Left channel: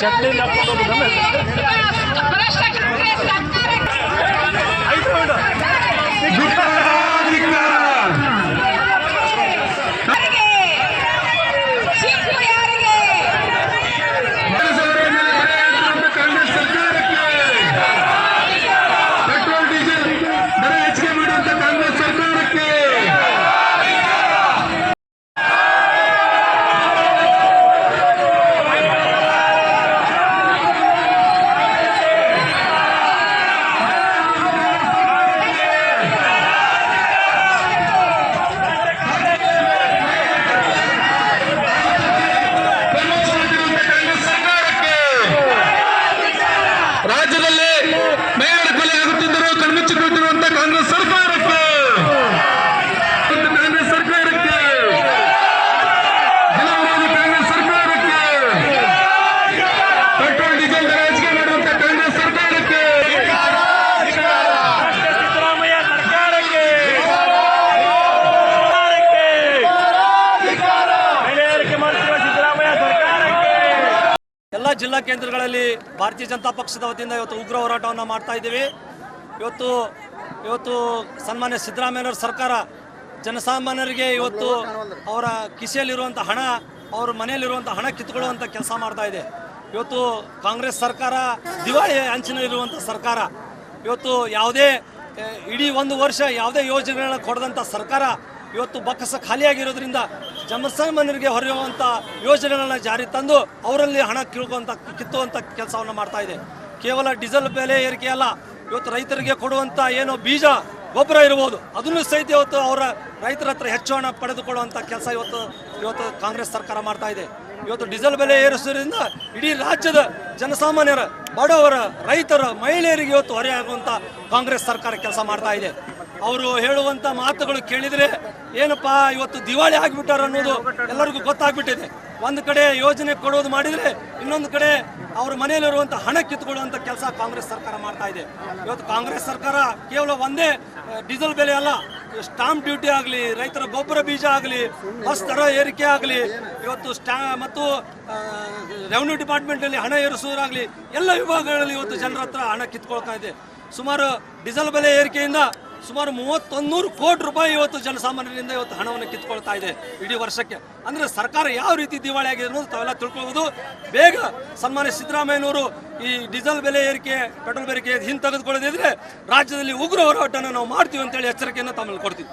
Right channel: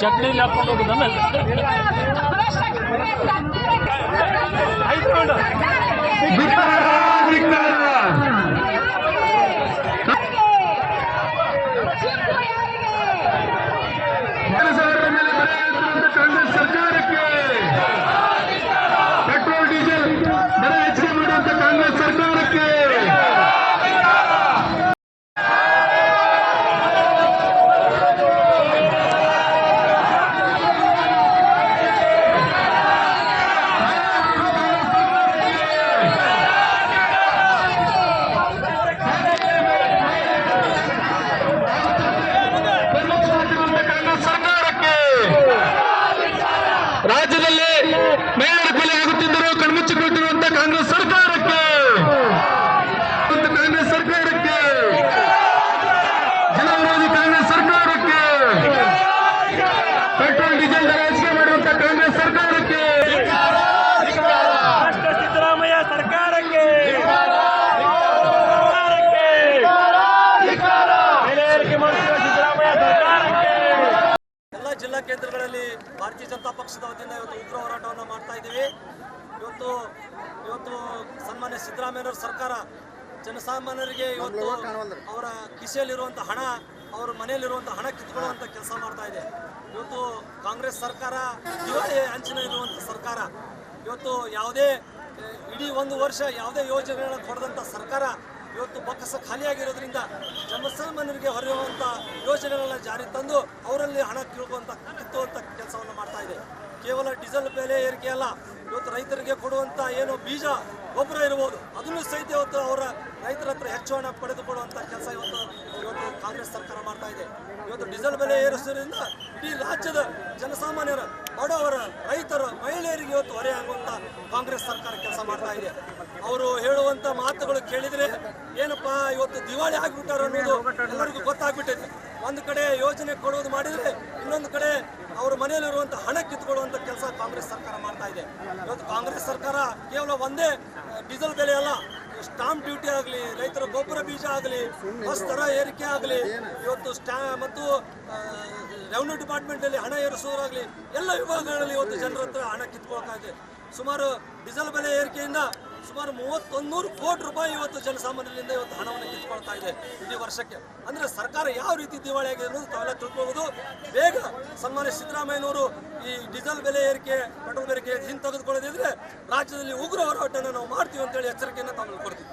ಚಟ್ನಿಲಿ ಹಾಕೊಂಡು ರಾಜ್ಯದಲ್ಲಿ ಮೇಯರ್ ಕೊಲೆ ಆಗುತ್ತಿದ್ದರು ಕಣ್ಮುಚ್ಚಿಕೊಳ್ತಿರುವಂತಹ ಕಾಂಗ್ರೆಸ್ ಸರ್ಕಾರಕ್ಕೆ. ಕಾಂಗ್ರೆಸ್ ಸರ್ಕಾರಕ್ಕೆ. ಕಾಂಗ್ರೆಸ್ ಸರ್ಕಾರಕ್ಕೆ. ಪೆಟ್ರೋಲ್, ಡೀಸೆಲ್, ರಾಜಕೀಯ ಮಾಡುವಂತಹ ಮಾಡುವಂತ ಕಾಂಗ್ರೆಸ್ ಸರ್ಕಾರಕ್ಕೆ ರಾಷ್ಟ್ರ ಸಿದ್ದರಾಮಯ್ಯ ಸರ್ಕಾರಕ್ಕೆ ಸರ್ಕಾರಕ್ಕೆ ಬೆಲೆ ಏರಿಕೆ ಮಾಡ್ತಿರುವ ಸಿದ್ದರಾಮಯ್ಯ ಸರ್ಕಾರಕ್ಕೆ ಎಲ್ಲ ಕೇಂದ್ರಗಳಲ್ಲಿ ಭಾರತೀಯ ಜನತಾ ಪಕ್ಷದ ವತಿಯಿಂದ ಇವತ್ತು ಉಗ್ರ ಹೋರಾಟವನ್ನು ಮಾಡ್ತಾ ಇದ್ದೀವಿ. ಇವತ್ತು ಇವತ್ತು ಸನ್ಮಾನ್ಯ ಸಿದ್ದರಾಮಯ್ಯನವರ ಸರ್ಕಾರ ಜನಸಾಮಾನ್ಯರಿಗೆ ಇವತ್ತು ಅವರ ಕಿಸೆಯಲ್ಲಿರುವಂಥ ಹಣ, ಅವ್ರ ಮನೆಯಲ್ಲಿರುವಂಥ ಹಣ ಕಿತ್ಕೊಳ್ಳುವಂಥ ಕೆಲಸ ಮಾಡ್ತಾ ಇದೆ. ಇವತ್ತು ಕಾಂಗ್ರೆಸ್ ಸರ್ಕಾರ ದಿವಾಳಿ ಅಂಚಿನಲ್ಲಿರುವಂಥ ಸರ್ಕಾರ. ಇವತ್ತು ಯಾವುದೇ, ಇಡೀ ಒಂದು ವರ್ಷ ಯಾವುದೇ ಯೋಜನೆಗಳನ್ನ ಕೊಡದಂಥ ಸರ್ಕಾರ ಇವತ್ತು ಬಕ್ಕಸ ಖಾಲಿಯಾಗಿರೋದ್ರಿಂದ ಜನಸಾಮಾನ್ಯರಿಗೆ ಹೊರೆಯುವಂಥ ಯೋಜನೆಗಳನ್ನ ಜಾರಿ ತಂದು ಅವರಲ್ಲಿ ಹಣ ಕಿಳುವಂಥ ಕಿತ್ತುವಂಥ ಕೆಲಸವನ್ನು ಮಾಡ್ತಾ ಇದೆ. ಕೇವಲ ಡೀಸೆಲ್ ಬೆಲೆ ಏರಿಕೆ ಅಲ್ಲ, ಇವತ್ತು ರೈತರಿಗೆ ಕೊಡುವಂಥ ಏನು ಬೀಜ, ಗೊಬ್ಬರ ಇರ್ಬೋದು, ಅದನ್ನು ಸಹಿತ ಇವತ್ತು ಅವರ ರೈತರ ಹತ್ರ ಹೆಚ್ಚು ಹಣ ಪಡೆದುಕೊಳ್ಳುವಂಥ ಕೆಲಸ ಇವತ್ತು ಇವತ್ತು ಕಾಂಗ್ರೆಸ್ ಸರ್ಕಾರ ಮಾಡ್ತಾ ಇದೆ. ಇವತ್ತು ಡೀಸೆಲ್ ಬೆಲೆ ಏರಿಸೋದ್ರಿಂದ ಇಡೀ ರಾಜ್ಯದ ಜನಸಾಮಾನ್ಯರ, ಬಡವರ, ರೈತರ, ಮಹಿಳೆಯರಿಗೆ ಇವತ್ತು ಹೊರೆಯಾಗುವಂಥ ಕಾಂಗ್ರೆಸ್ ಸರ್ಕಾರ ಕೆಲಸ ಮಾಡ್ತಾ ಇದೆ. ಅವರು ಹೇಳುವಂಥ ಮಾತುಗಳು ಕೇಳಿದರೆ ಏನಪ್ಪಾ, ಇವತ್ತು ದಿವಾಳಿ ಆಗಿಬಿಟ್ಟಾರ ಅನ್ನೋದು ಎಲ್ಲರಿಗೂ ಗೊತ್ತಾಗ್ಬಿಟ್ಟಿದೆ. ಒಂದು ಕಡೆ ಯೋಜನೆ ಕೊಡೋದು ಮಾಡಿದರೆ ಇನ್ನೊಂದು ಕಡೆ ಅವ್ರ ಮನೆಯಲ್ಲಿರುವಂಥ ಹಣ ಕಿತ್ಕೊಳ್ಳುವಂಥ ಕೆಲಸ ಕಾಂಗ್ರೆಸ್ ಸರ್ಕಾರ ಮಾಡ್ತಾ ಇದೆ. ಇವತ್ತು ಕಾಂಗ್ರೆಸ್ ಸರ್ಕಾರ ಕೇವಲ ಒಂದೇ ಡೀಸೆಲ್ ಬೆಲೆ ಅಲ್ಲ. ಸ್ಟಾಂಪ್ ಡ್ಯೂಟಿ ಆಗಲಿ, ರೈತರ ಗೊಬ್ಬರ ಬೀಜ ಆಗಲಿ, ಬಸ್ ದರ ಏರಿಕೆ ಆಗಲಿ, ಇವತ್ತು ಸ್ಟಾ, ಮತ್ತು ರೆವಿನ್ಯೂ ಡಿಪಾರ್ಟ್ಮೆಂಟಲ್ಲಿ ಹಣ ಏರಿಸುವುದಾಗಲಿ ಎಲ್ಲ ವಿಭಾಗಗಳಲ್ಲಿ ಇವತ್ತು ಜನರ ಹತ್ರ ಹಣ ಕಿತ್ಕೊಳ್ತಾ ಇದೆ. ಸುಮಾರು ಡೀಸೆಲ್ ಬೆಲೆ ಏರಿಕೆಯಿಂದ ಸುಮಾರು ಮೂವತ್ತೊಂದೂರು ಕೋಟಿ ರೂಪಾಯಿ ಇವತ್ತು ಜನಸಾಮಾನ್ಯರಿಂದ ಇವತ್ತು ಹಣವನ್ನು ಕಿತ್ಕೊಳ್ತಾ ಇದೆ ಇಡೀ ವರ್ಷಕ್ಕೆ. ಅಂದರೆ ಸರ್ಕಾರ ಯಾವ ರೀತಿ ದಿವಾಳಿ ಆಗಿದೆ ಅನ್ನೋದು ತಾವೆಲ್ಲ ತಿಳ್ಕೊಬಹುದು ಬೇಗ ಸನ್ಮಾನ್ಯ ಸಿದ್ದರಾಮಯ್ಯನವರು ಈ ಡೀಸೆಲ್ ಬೆಲೆ ಏರಿಕೆ, ಪೆಟ್ರೋಲ್ ಬೇರಿಕೆ ಹಿಂದೆ ತೆಗೆದುಕೊಳ್ಳದಿದ್ರೆ ರಾಜ್ಯದಲ್ಲಿ ಉಗ್ರ ಹೋರಾಟನ ನಾವು ಮಾಡ್ತೀವಿ ಅಂತೇಳಿ ಎಚ್ಚರಿಕೆಯನ್ನು ತಮ್ಮಲ್ಲಿ ಕೊಡ್ತೀವಿ.